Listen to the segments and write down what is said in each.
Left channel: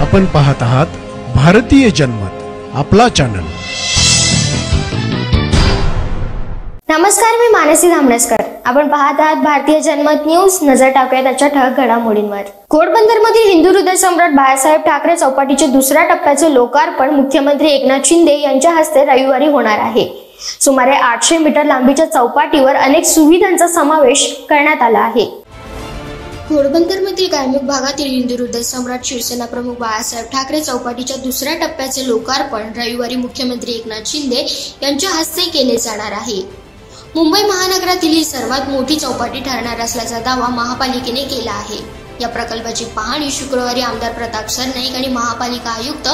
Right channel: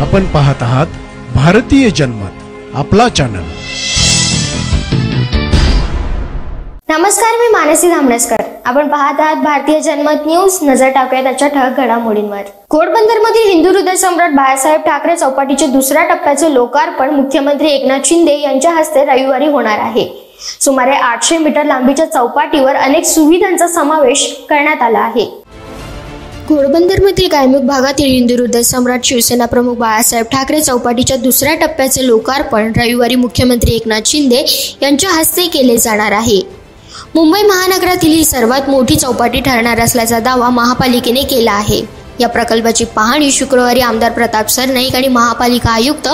आपण पाहत आहात भारतीय जनमत, आपला चॅनल। नमस्कार, मी मानसी धामणसकर। आपण पाहत आहात भारतीय जनमत न्यूज। नजर टाकूया त्याच्या ठळक घडामोडींवर। घोडबंदरमधील हिंदू हृदय सम्राट बाळासाहेब ठाकरे चौपाटीचे दुसऱ्या टप्प्याचे लोकार्पण मुख्यमंत्री एकनाथ शिंदे यांच्या हस्ते रविवारी होणार आहे। सुमारे 800 मीटर लांबीच्या चौपाटीवर अनेक सुविधांचा समावेश करण्यात आला आहे। घोडबंदरमधील कायमुख भागातील हिंदू हृदय सम्राट शिवसेना प्रमुख बाळासाहेब ठाकरे चौपाटीच्या दुसऱ्या टप्प्याचे लोकार्पण रविवारी मुख्यमंत्री एकनाथ शिंदे यांच्या हस्ते केले जाणार आहे। मुंबई महानगरातील ही सर्वात मोठी चौपाटी ठरणार असल्याचा दावा महापालिकेने केला आहे। या प्रकल्पाची पाहणी शुक्रवारी आमदार प्रताप सरनाईक आणि महापालिका आयुक्त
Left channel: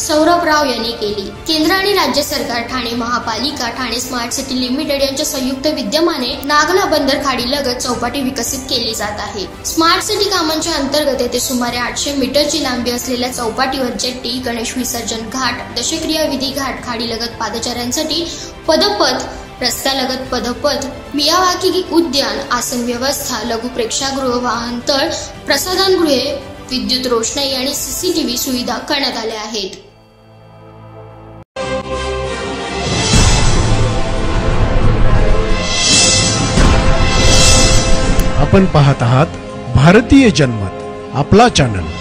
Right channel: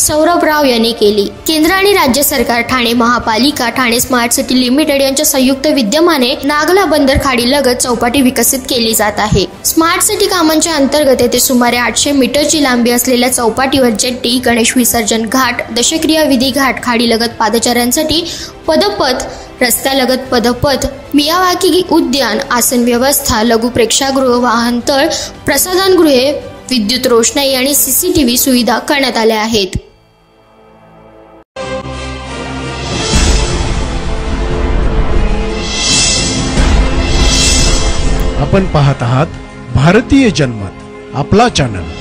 सौरभ राव यांनी केली। केंद्र आणि राज्य सरकार, ठाणे महापालिका, ठाणे स्मार्ट सिटी लिमिटेड यांच्या संयुक्त विद्यमाने नागला बंदर खाडीलगत चौपाटी विकसित केली जात आहे। स्मार्ट सिटी कामांच्या अंतर्गत येथे सुमारे 800 मीटरची लांबी असलेल्या चौपाटीवर जेट्टी, गणेश विसर्जन घाट, दशक्रिया विधी घाट, खाडीलगत पादचाऱ्यांसाठी पदपथ, रस्त्यालगत पदपथ, मियावाकी उद्यान, आसन व्यवस्था, लघु प्रेक्षागृह, वाहनतळ, प्रसाधनगृहे, विद्युत रोषणाई आणि सीसीटीव्ही सुविधा करण्यात आल्या आहेत। आपण पाहत आहात भारतीय जनमत, आपला चॅनल।